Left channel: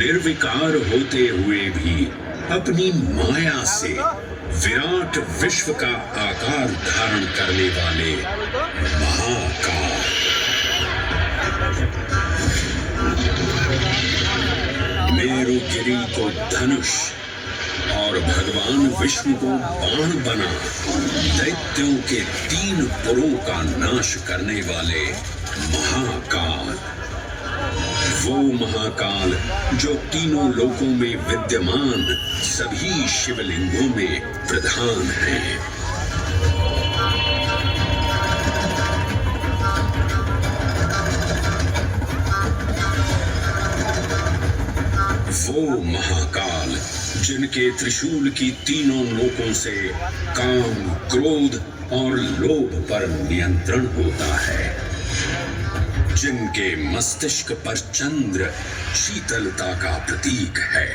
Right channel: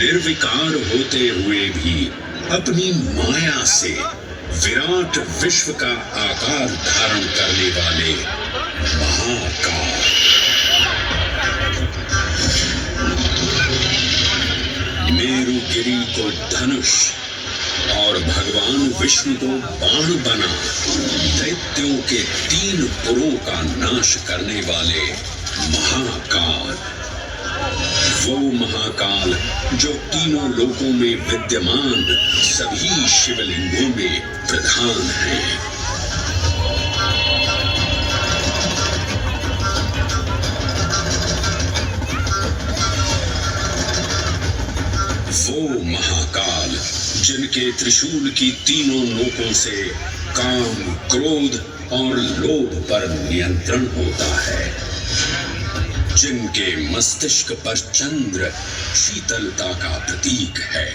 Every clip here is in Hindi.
निर्विकार होते हुए भी अपनी माया से विराट विश्व का आकार धारण करने वाले महाकाल। मेरुगिरी को धनुष और भगवान विष्णु को बाण बना दैत्यों के 3 पुरों का नाश करने वाले महाकाल। वो महाकाल जो तीनों लोकों में विद्यमान सभी शिवलिंगों में प्रधान है। वो महाकाल जिनके त्रिशूल की तीनों नोकों से काम, क्रोध और लोभ पर नियंत्रण होता है, जिनके मस्तिष्क पर चंद्र शीतलता का प्रतीक है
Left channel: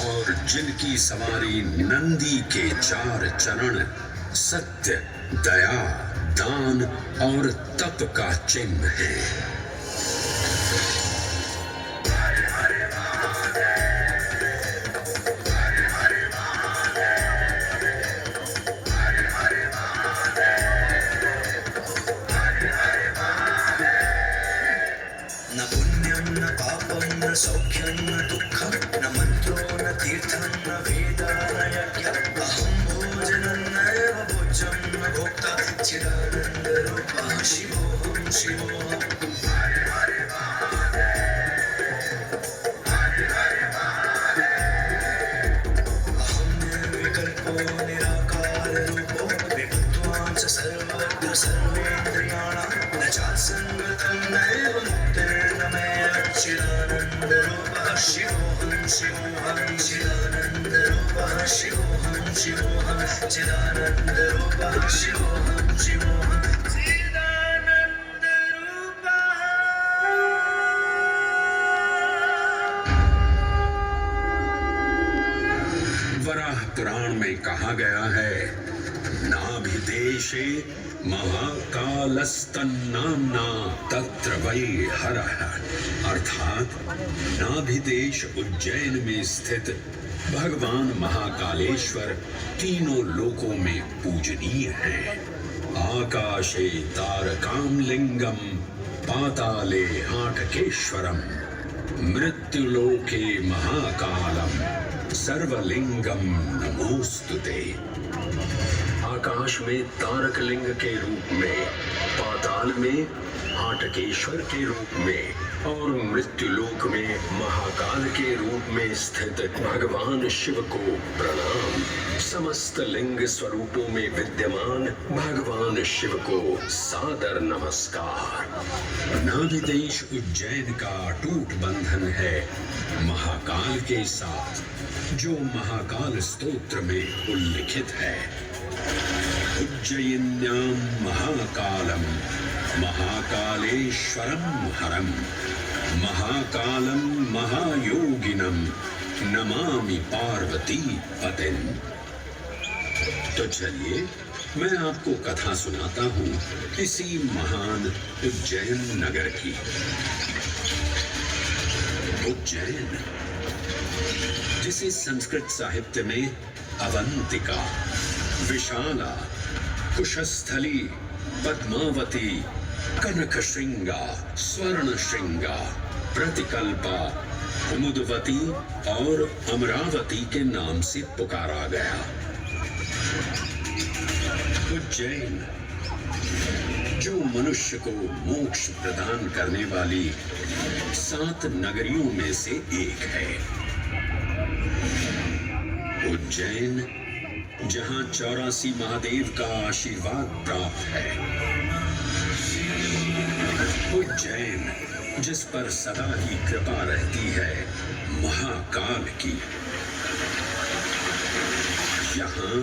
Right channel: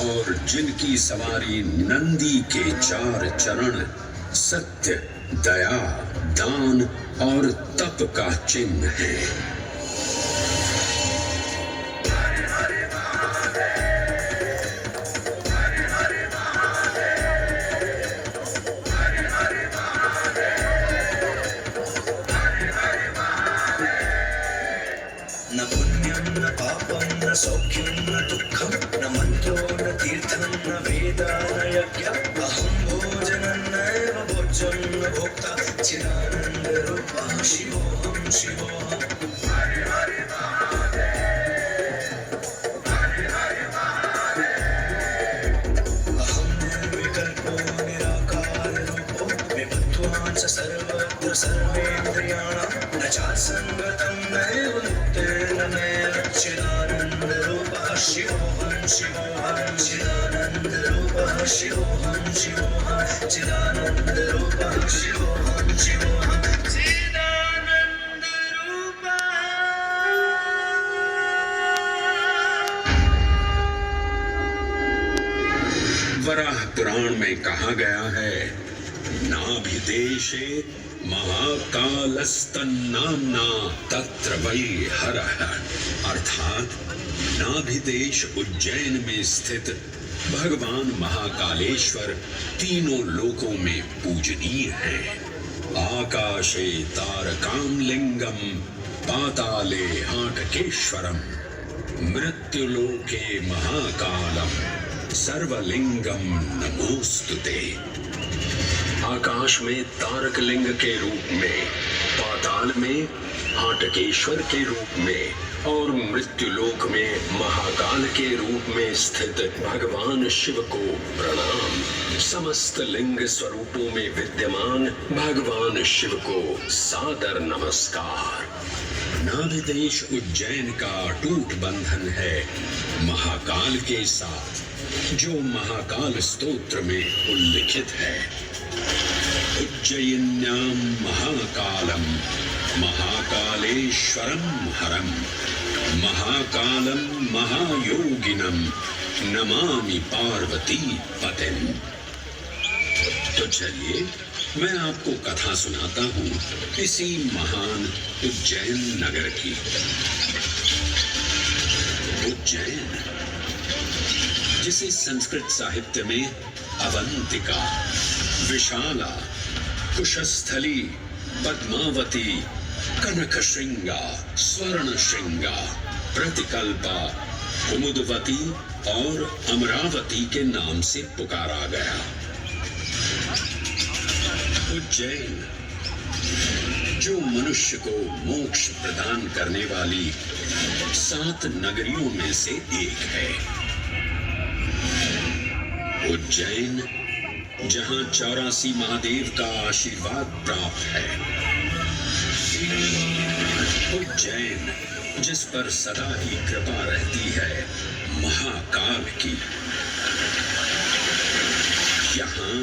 और जिनकी सवारी नंदी के 4 चरण सत्य, दया, दान और तप का चिन्ह है। न पुण्यं न पापं न सौख्यं न दुःखं न मन्त्रो न तीर्थं न वेदा न यज्ञः अहं भोजनं नैव भोज्यं न भोक्ता चिदानन्दरूपः शिवोऽहं शिवोऽहम्। अहं निर्विकल्पो निराकाररूपो विभक्त्वान् च सर्वत्र सर्वेन्द्रियाणां न चासङ्गतं नैव मुक्तेन मे चिदानन्दरूपः शिवोऽहं शिवोऽहं चिदानन्दरूपः शिवोऽहं शिवोऽहं चिदानन्दरूपः शिवोऽहं शिवोऽहं वराह पुराण में कहा गया है, नाभिदेशे महाकालस्तन्नाम्ना तत्र वै हरः, अर्थात नाभिदेश उज्जैन में स्थित भगवान महाकालेश्वर तीनों लोकों में पूजनीय है। आकाशे तारकामलिंगम पाताले हाटकेश्वरम मृत्युलोके महाकालम सर्वलिंगम नमोस्तुते। आकाश में तारक लिंग के रूप में, पाताल में हाटकेश्वर के रूप में और मृत्युलोक में महाकाल के रूप में स्थित भगवान शिव को प्रणाम। समस्त लिंग स्वरूपों में विद्यमान भगवान शिव को सादर नमस्कार। नाभिदेश उज्जैन का अटूट बंधन है महाकाल के साथ, जो महाकाल स्तोत्र में उल्लिखित है। उज्जयिन्यां महाकालम महाकालेश्वरम हरम महाकालम महायोगिनम नमामि पार्वती पतिम। तो चलिए मैं आपको कथा सुनाता हूँ इसी महान उज्जैन नगर की। उज्जैन, जिसे संस्कृत साहित्य में अवंतिका, विशाला, कुशस्थली, पद्मावती, कनकश्रृंगा, स्वर्णश्रृंगा, प्रतिकल्पा, कुमुदवती और अमरावती के नाम से पुकारा गया। उज्जैन, जो मनुष्य को मोक्ष प्रदान करने वाली 7 नगरियों में से एक है, उज्जैन, जहां 84 महादेव का आशीर्वाद प्राप्त है। उज्जैन, जिस पर सदा ही कृपा रहती है महाकाल की। यहाँ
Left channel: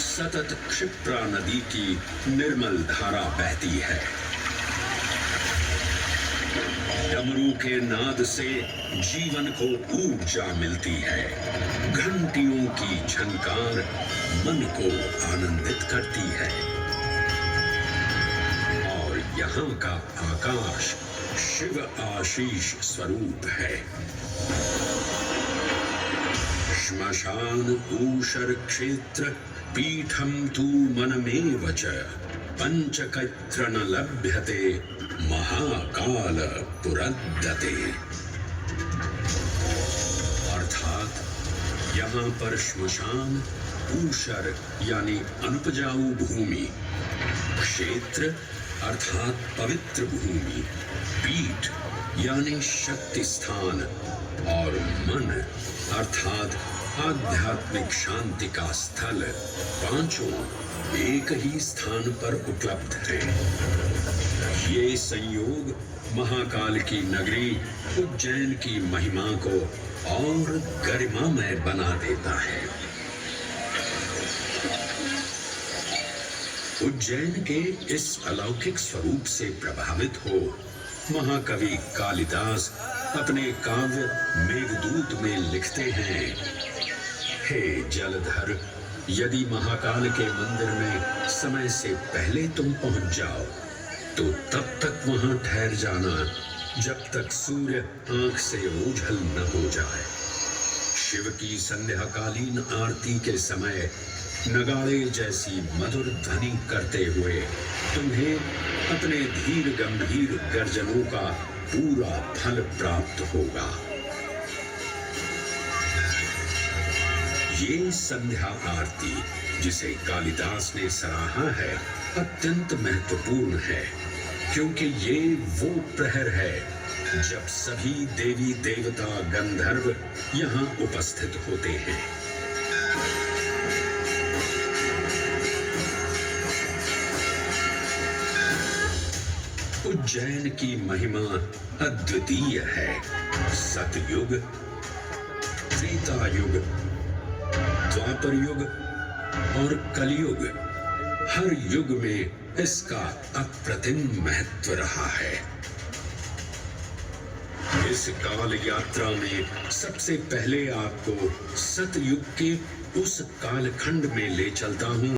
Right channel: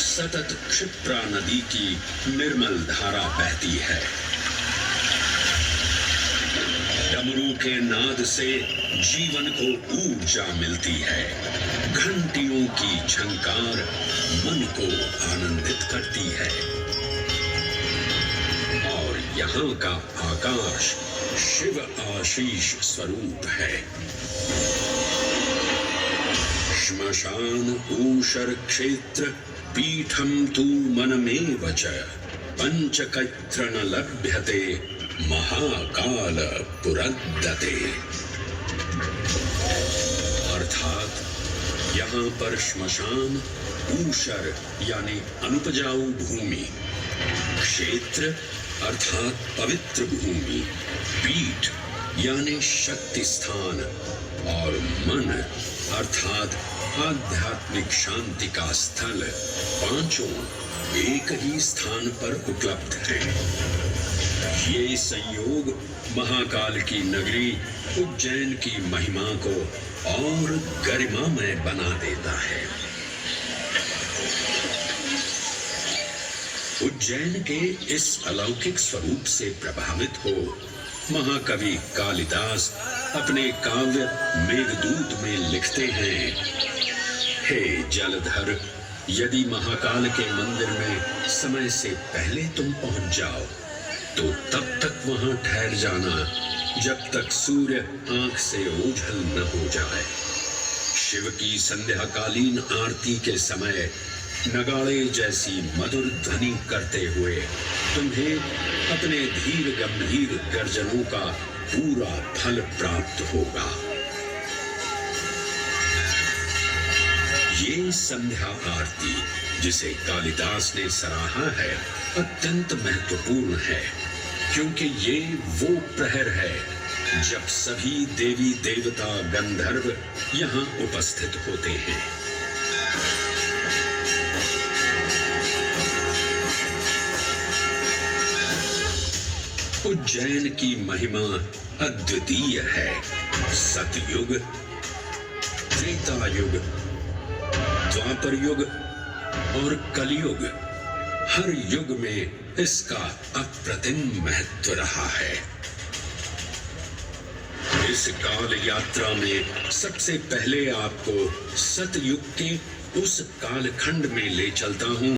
सतत क्षिप्रा नदी की निर्मल धारा बहती है। डमरू के नाद से जीवन को ऊर्जा मिलती है। घंटियों की झंकार मन को आनंदित करती है। और यहाँ का आकाश शिव आशीष स्वरूप है। श्मशान ऊषर क्षेत्र पीठम तू मनमेव च पंचकैत्र न लभ्यते महाकाल पुरद्दते। अर्थात यहाँ पर श्मशान, ऊषर यानी अनुपजाऊ भूमि, क्षेत्र अर्थात पवित्र भूमि, पीठ यानी शक्ति स्थान और मन अर्थात आध्यात्मिक शांति का स्थल, पांचों एक ही स्थान पर उपलब्ध है। ये संयोग महाकाल की नगरी उज्जैन की महिमा को और गरिमामय बना देता है। उज्जैन के इस अलौकिक स्वरूप से प्रभावित हो महाकवि कालिदास अपने काव्य मेघदूत में लिखते हैं, हे जलधर, यदि महाकाल के मंदिर में समय से पहले तुम पहुंच जाओ तो तब तक वहां ठहर जाना जब तक सूर्य आंख से ओझल न हो जाए। शिव की संध्याकालीन आरती के समय नगाड़े जैसी मधुर ध्वनि करते हुए तुम्हें अपने धीर गंभीर गर्जनों का पूरा फल प्राप्त होगा। ये संध्या आरती जिसे कालिदास ने सराहा है अत्यंत महत्वपूर्ण है, क्योंकि ये वो प्रहर है जब सभी देवी देवता गंधर्व यहाँ उपस्थित होते हैं। उज्जैन की महिमा अद्वितीय है। सतयुग, त्रेता युग, द्वापर युग और कलयुग, हर युग में इसका अप्रतिम महत्व रहा है। इस काल यात्रा में सबसे पहले आपको सतयुग के उस कालखंड में ले चलता हूं